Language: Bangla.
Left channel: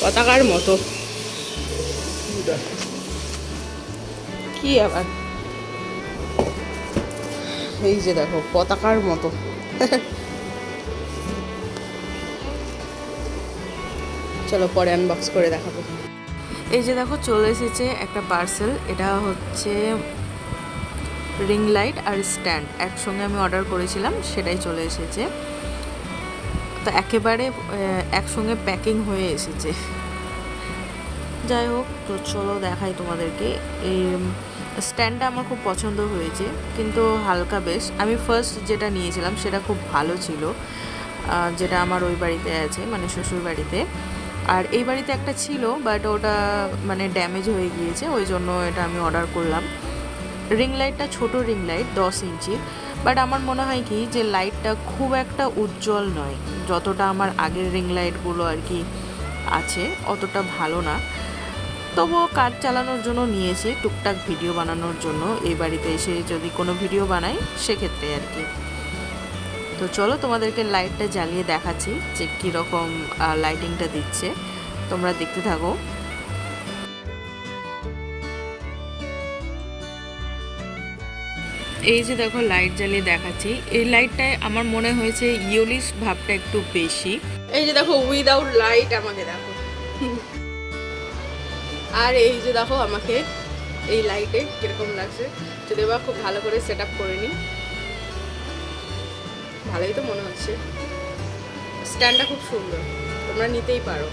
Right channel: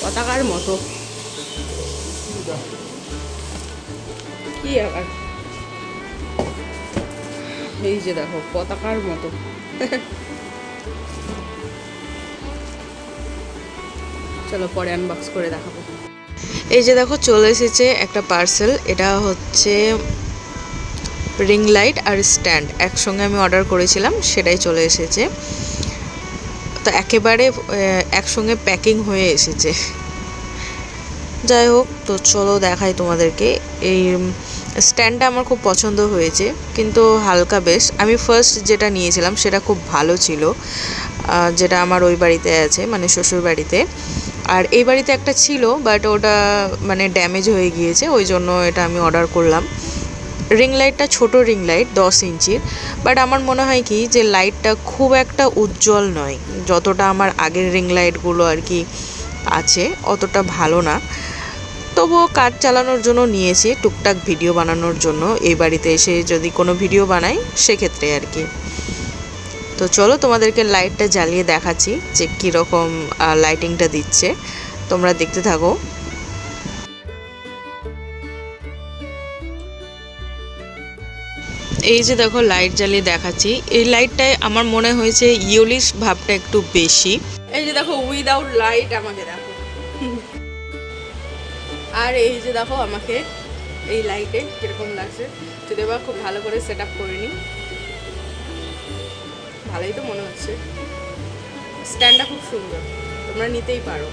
পতাকার মতো। কি আবার? এই যে দেখো, পতাকার মতো। চলো পরে আনবক্স করে দেখাবো। এই যে দেখো, চলে এসেছে একটা পার্সেল এটা হচ্ছে রিং লাইট আর স্ট্যান্ড একসঙ্গে আমি অর্ডার করেছিলাম, সেটাই চলে এসেছে। তো একেবারে একসঙ্গে প্যাকিং হয়ে এসেছে। যাই হোক তো চলো দেখাই তোমাদেরকে। এই স্ট্যান্ডটা আমার খুব পছন্দ হয়েছে, কিন্তু হালকা বেশ। আমি ফার্স্ট যেটা নিয়েছিলাম, সেটা খুব ভালো ছিল যেটা আমার ওই বাড়িতে আছে মানে শ্বশুর বাড়িতে। আর এই বাড়িতে একটা ছিল বাট ওটা মানে ড্যামেজ হয়ে গিয়েছে, ওই জন্য এটা আমি অর্ডার করলাম। রিং লাইটটা ছোট রিং লাইট দশ ইঞ্চির বাট আমার মনে হয় কি যে লাইটটা খুব একটা উজ্জ্বল নয়। যতটা আমার আগের রিং লাইটগুলো আর কি আছে, অতটা ভালো না। তবুও কাজ চালানোর জন্য নিয়েছি, টুকটাক ভিডিও বানানোর জন্য। এই বাড়িতে এসে যদি কোনো ভিডিও বানাই, সেক্ষেত্রে আর কি। তো চলো তোমাদেরকে লাইটটা জ্বালিয়ে দেখাচ্ছি যে কীরকম লাইটিংটা দিচ্ছে। তোমরা দেখতে থাকো। এই যে দেখো লাইট জ্বালিয়ে দেখাচ্ছি, এই লাইটটায় আমার মনে হয়েছে ইয়োলিশ ভাবটা একটু বেশি। এই যে দেখো উইদাউট লাইট আমাকে দেখো। আর এই যে দেখো আমাকে এই লাইটে কীরকম লাগছে, যদি এবার খুব ভালো করে সেট আপ করে নিই, ভালোই তো মনে হচ্ছে। স্ট্যান্ডটা খুব সুন্দর, তোমরা নিতেই পারো।